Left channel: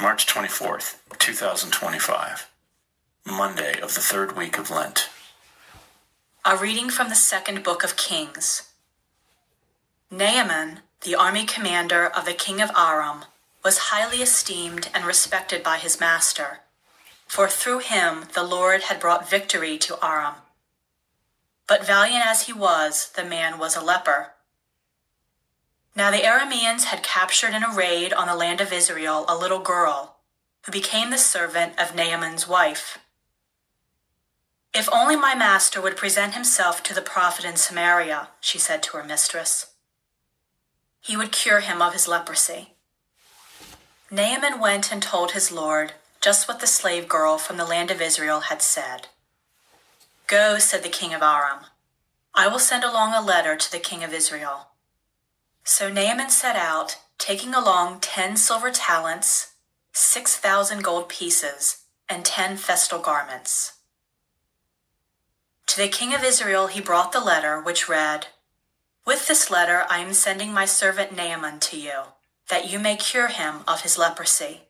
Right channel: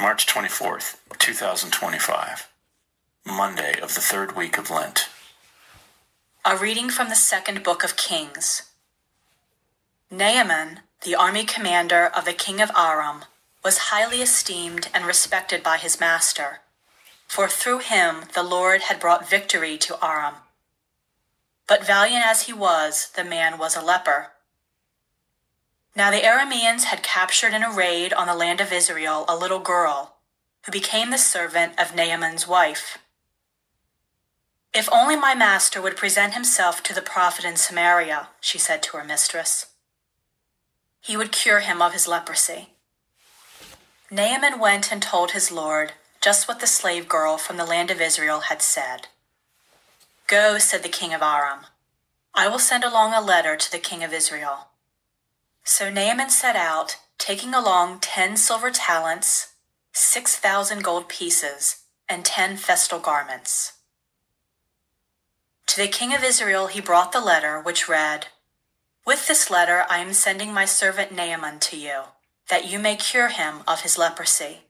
March 24th, 2025, Monday of the third week of Lent. A reading from the second book of Kings. Naaman, the army commander of the king of Aram, was highly esteemed and respected by his master, for through him the Lord had brought victory to Aram. But valiant as he was, the man was a leper. Now the Arameans had captured in a raid on the land of Israel a little girl, who became the servant of Naaman's wife. "If only my master would present himself to the prophet in Samaria," she said to her mistress, "he would cure him of his leprosy." Naaman went and told his lord just what the slave girl from the land of Israel had said. "Go," said the king of Aram, "I will send along a letter to the king of Israel." So Naaman set out, taking along 10 silver talents, 6,000 gold pieces, and 10 festal garments. To the king of Israel he brought the letter, which read, "With this letter I am sending my servant Naaman to you, that you may cure him of his leprosy."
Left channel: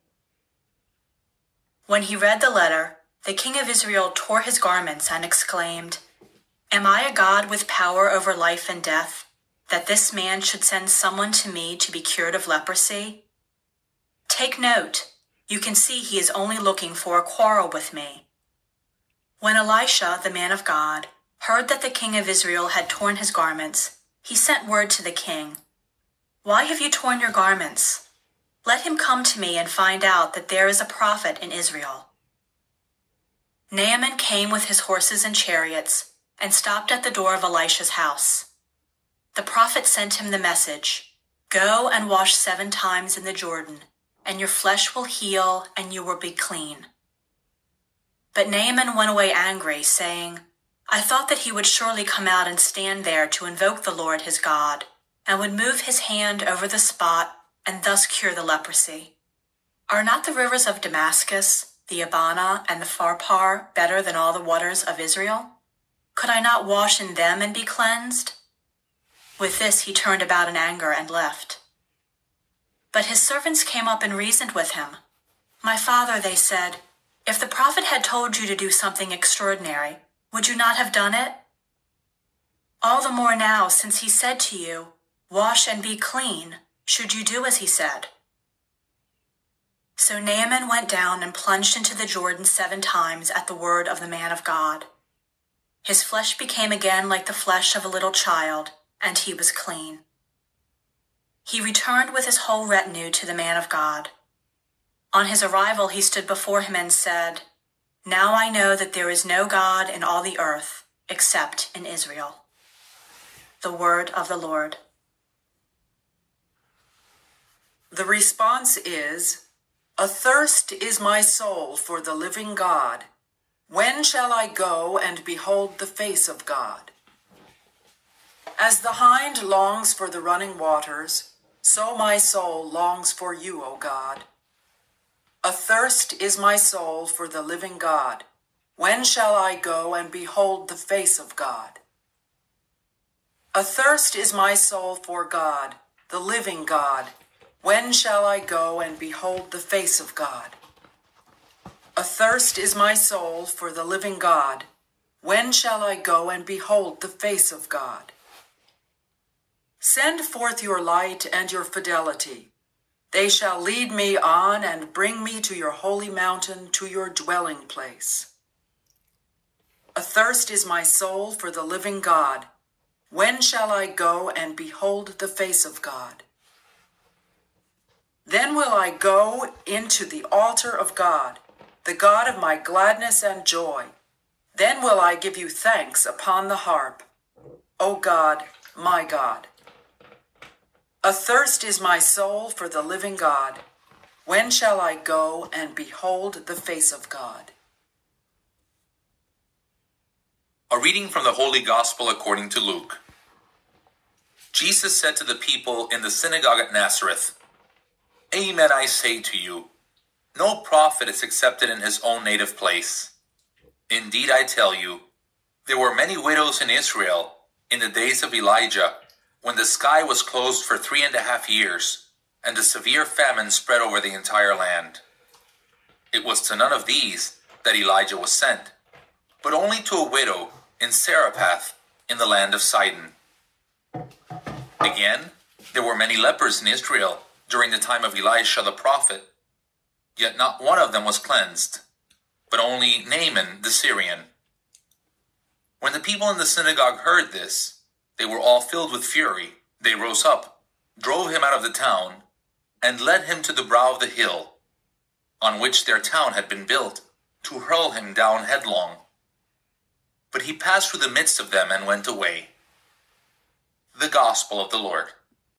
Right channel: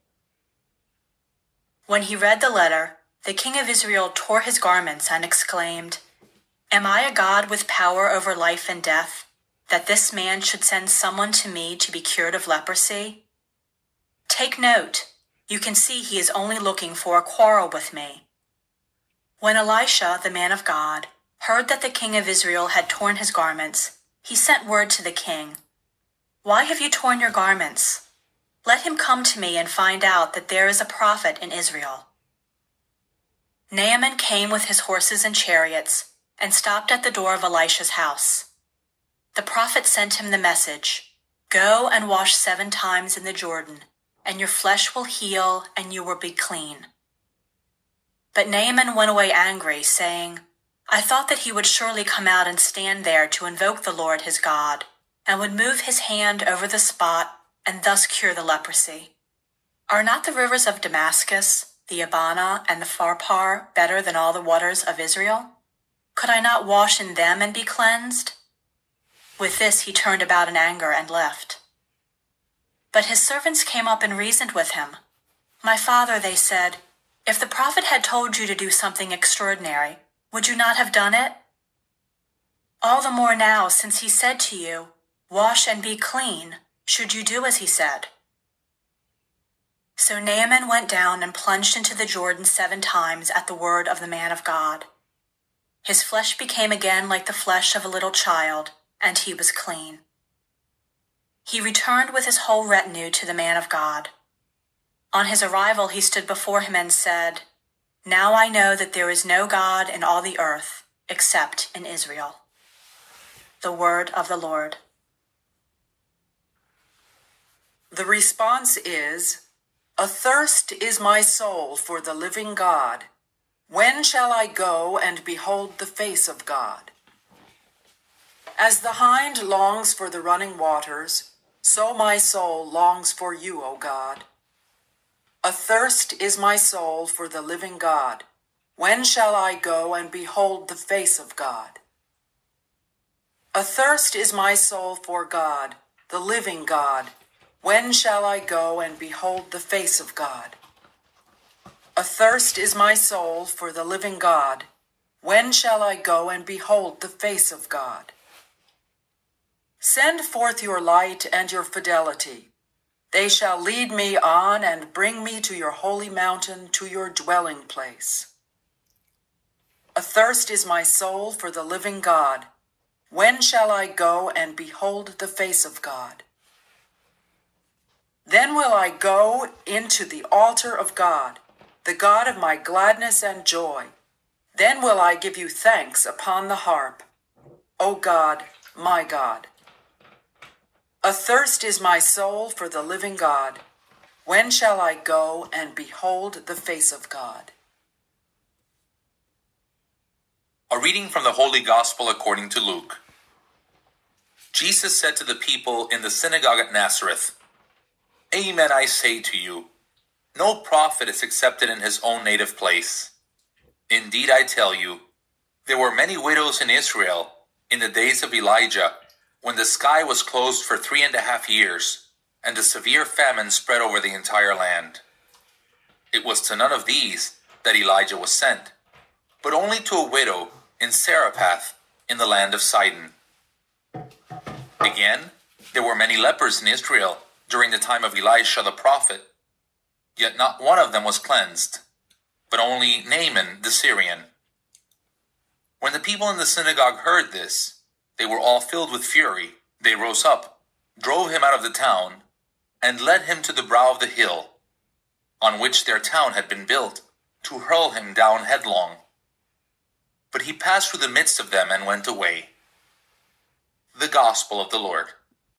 When he read the letter, the king of Israel tore his garments and exclaimed, "Am I a God with power over life and death, that this man should send someone to me to be cured of leprosy? Take note, you can see he is only looking for a quarrel with me." When Elisha, the man of God, heard that the king of Israel had torn his garments, he sent word to the king, "Why have you torn your garments? Let him come to me and find out that there is a prophet in Israel." Naaman came with his horses and chariots and stopped at the door of Elisha's house. The prophet sent him the message, "Go and wash 7 times in the Jordan, and your flesh will heal and you will be clean." But Naaman went away angry, saying, "I thought that he would surely come out and stand there to invoke the Lord his God, and would move his hand over the spot and thus cure the leprosy. Are not the rivers of Damascus, the Abana, and the Pharpar better than all the waters of Israel? Could I not wash in them and be cleansed?" With this he turned about in anger and left. But his servants came up and reasoned with him. "My father," they said, "if the prophet had told you to do something extraordinary, would you not have done it? All the more now, since he said to you, 'Wash and be clean,' should you do as he said." So Naaman went down and plunged into the Jordan 7 times at the word of the man of God. His flesh became again like the flesh of a little child, and he was clean. He returned with his whole retinue to the man of God. On his arrival he stood before him and said, "Now I know that there is no God in all the earth except in Israel." The word of the Lord. The response is, "Athirst is my soul for the living God. When shall I go and behold the face of God? As the hind longs for the running waters, so my soul longs for you, O God. Athirst is my soul for the living God. When shall I go and behold the face of God? Athirst is my soul for God, the living God. When shall I go and behold the face of God? Athirst is my soul for the living God. When shall I go and behold the face of God? Send forth your light and your fidelity. They shall lead me on and bring me to your holy mountain, to your dwelling place. Athirst is my soul for the living God. When shall I go and behold the face of God? Then will I go into the altar of God, the God of my gladness and joy. Then will I give you thanks upon the harp, O God, my God. Athirst is my soul for the living God. When shall I go and behold the face of God? A reading from the Holy Gospel according to Luke. Jesus said to the people in the synagogue at Nazareth, "Amen, I say to you, no prophet is accepted in his own native place. Indeed, I tell you, there were many widows in Israel in the days of Elijah, when the sky was closed for 3.5 years, and a severe famine spread over the entire land. It was to none of these that Elijah was sent, but only to a widow in Zarephath in the land of Sidon. Again, there were many lepers in Israel during the time of Elisha the prophet, yet not one of them was cleansed, but only Naaman the Syrian. When the people in the synagogue heard this, they were all filled with fury. They rose up, drove him out of the town, and led him to the brow of the hill, on which their town had been built, to hurl him down headlong. But he passed through the midst of them and went away. The Gospel of the Lord.